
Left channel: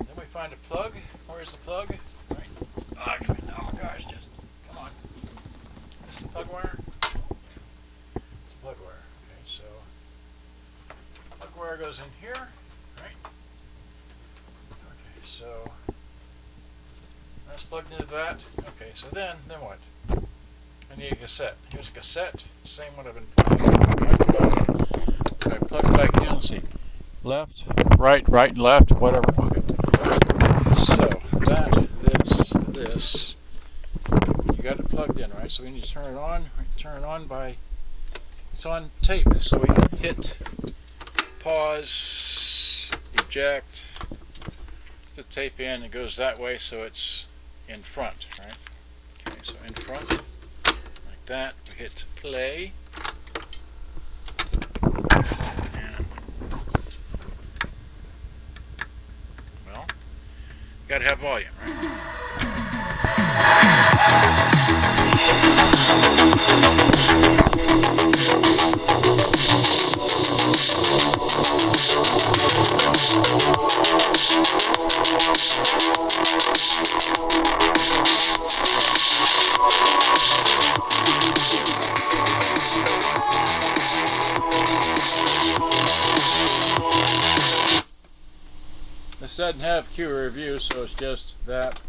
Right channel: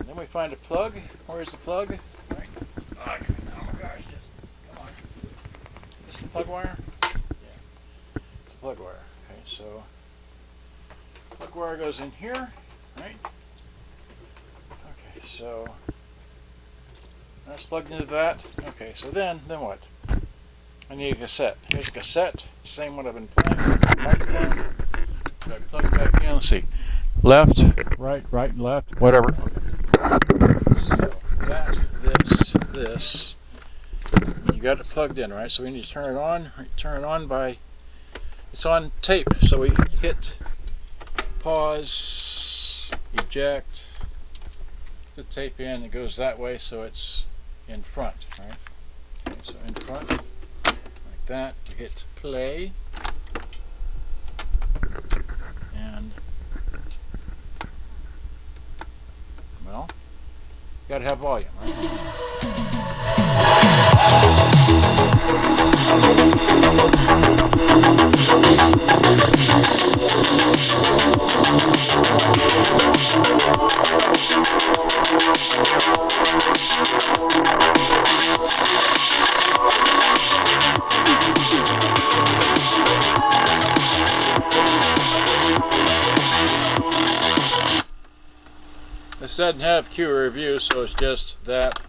And then we find a plug. Where's the plug? Right. Oh my gosh, just come on. This is the plug wire? Plug wire. Okay, so plug wire goes in here, right? Okay, so that's plugged into that. Okay, so then what? I need a cassette. Here's a cassette, same one I've been playing. Okay, plug it back in. Let's see, left, right, left, whatever. Okay. So that, this, you got it plugged in, right? So we need to turn it on. Turn it on by. It's on tape, so we hit pause, eject, the tape in, it goes that way, so it's in front, right? Okay, so in front, like that, we hit play, got to have volume, right? This doesn't have Q review, so it's just that.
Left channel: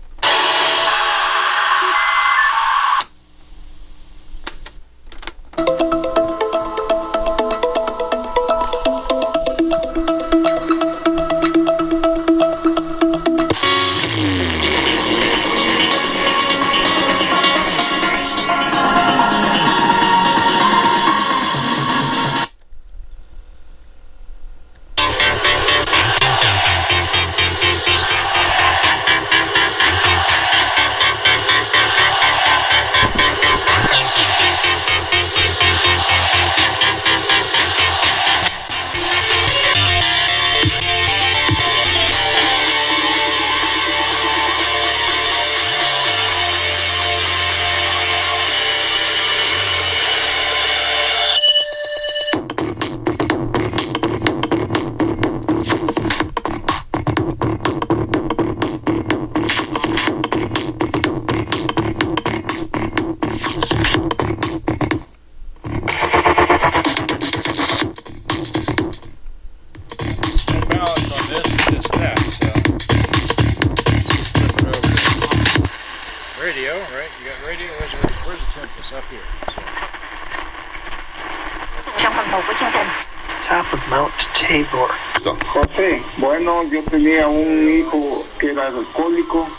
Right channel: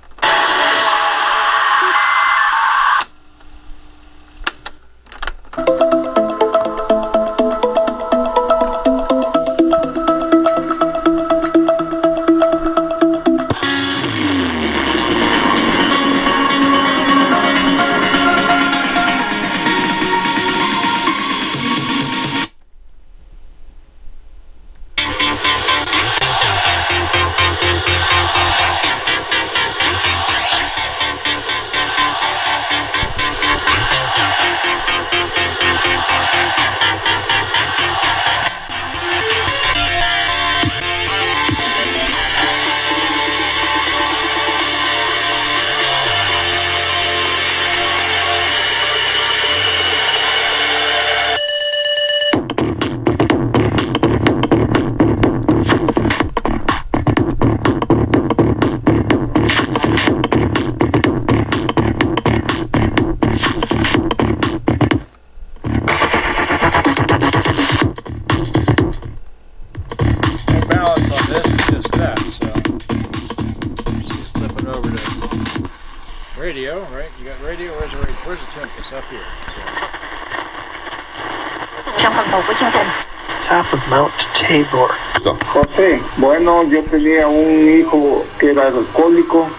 Radio, right? You got radio. Where's the tune? It's up here. Top of Mount Tabor. José, bueno, yo tenía un hijo que era alcohólico.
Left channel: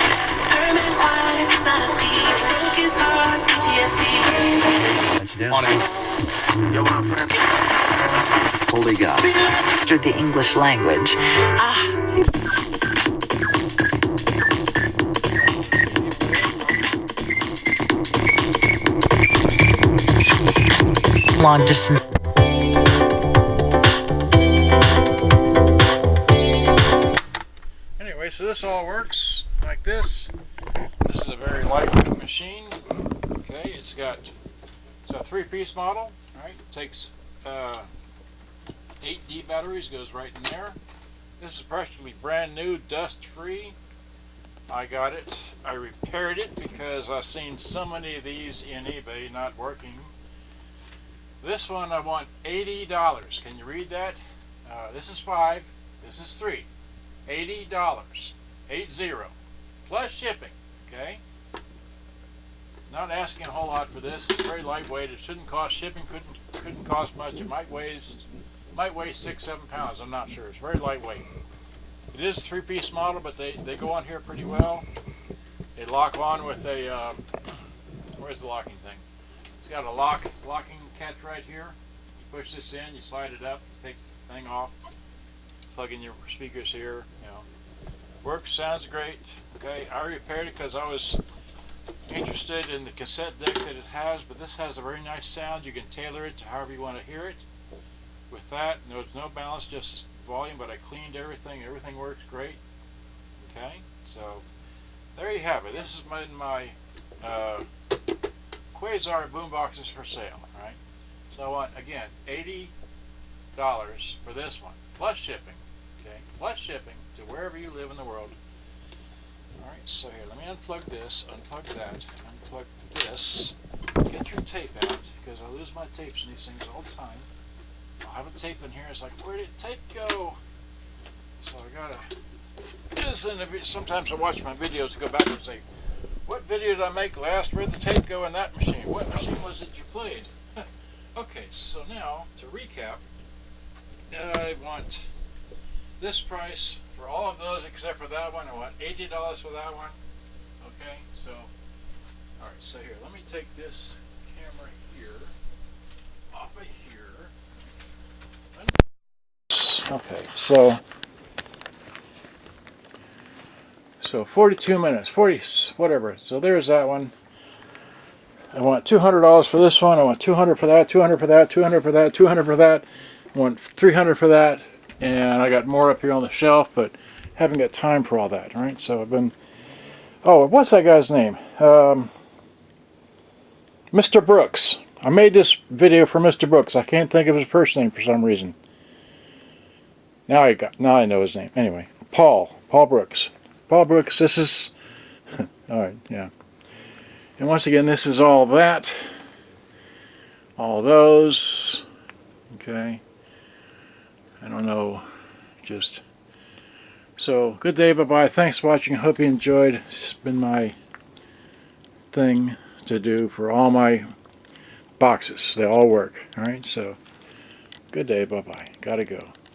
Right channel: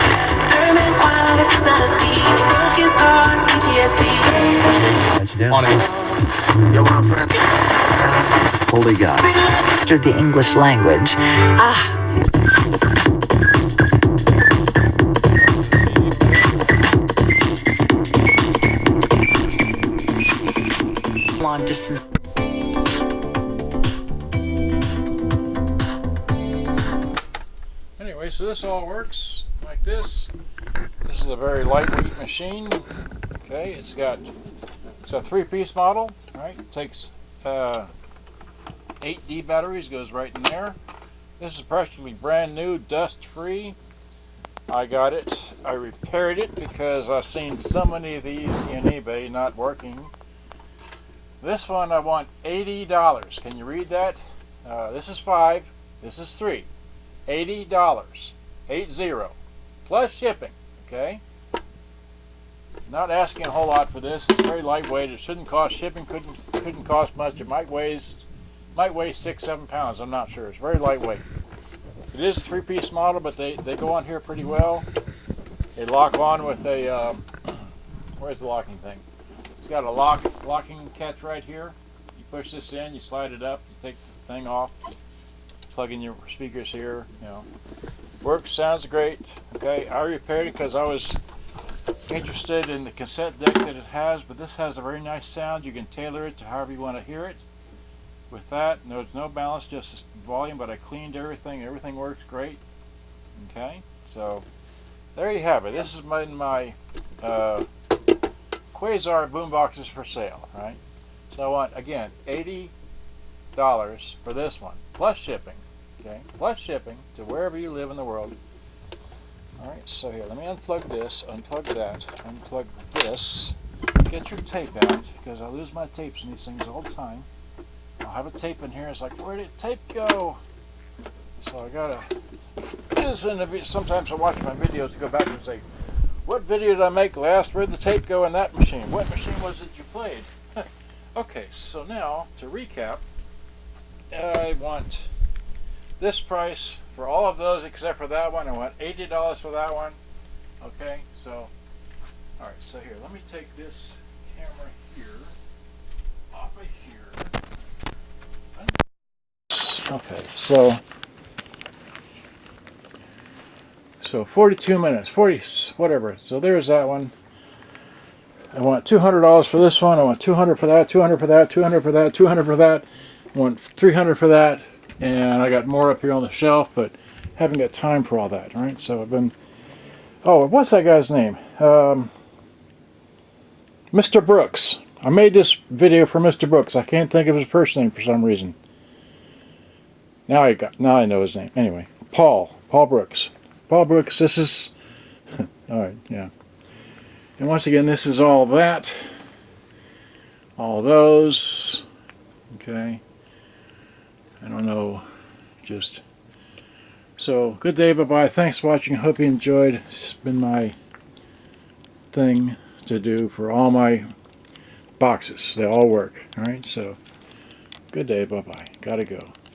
Holy God. Through the English language. Long distance. Anyway, so this all works like this. This is a very lightweight machine. Okay, it's a 3-piece model. Right, it takes 8D batteries, goes right in there. This is practically brand new, dust free. I got it. I repaired it because I've seen so many of these in eBay not working. This one I want $80. Can you read that? This is 5. This is 3. $80. 80. Plus shipping. Okay? Not asking a whole lot for this. It's very lightweight. It shouldn't cost shipping. Couldn't cost much. It might weigh 6-7 pounds. I'm not sure. It's very lightweight. It is a 3-piece model, but they go on here pretty well. They lock on with a where's the locking thing? It's got a locking catch right here. You push this in, you slide it up, you take the thing off, plug in your speakers here. You know, works, sounds great. Okay, I repaired it because I was interested in the cassette deck that it has, but this has a very nice sound. You can tailor it to however you want to hear it. With that, there's no balance, just volume, but I cleaned everything. Everything works great. Okay, so there you have it. This is my Quasar boomboxes for sale, right? So I want, again, $80 for this one, plus shipping, okay? Plus shipping to wherever you live in the world. All right, so here, let me unplug this, unplug that, unplug this. Get your tape out, because I lose my tapes in these things all the time. I'll have a tape in here. It's like, where did tape go? So I gotta do this in the video. Sometimes I watch my videos to go back and say, what video did I make last? Where'd the tape go in that machine? What machine was it you played? Okay, so now to recap, I want this price for all of those except for that one. I want $80 for that one. Okay, so all right. So here, let me take this camera here off of here. Okay, so 42 minutes, 40, whatever. So there's that one. I want $200 for this one. I want $200 for that, $200 for that, $200 for that, $200 for that. I want $300 for that. And I got more up here on the shelf, but haven't got time for all that, right? So I've been, oh, what's that guy's name? Mr. Brooks. I made this video for Mr. Brooks. I can't think of his first name for some reason. Now I know his name. Anyway, Paul Brooks. Paul Brooks, this is, alright, yeah. And once again, this is all that. All those. Okay. I don't know. Just. So, good day, bye-bye. Thanks for watching. Hope you enjoyed. It's been my thing to do for all my boxes. They all work. Alright, so good day, bye-bye. Gotta go.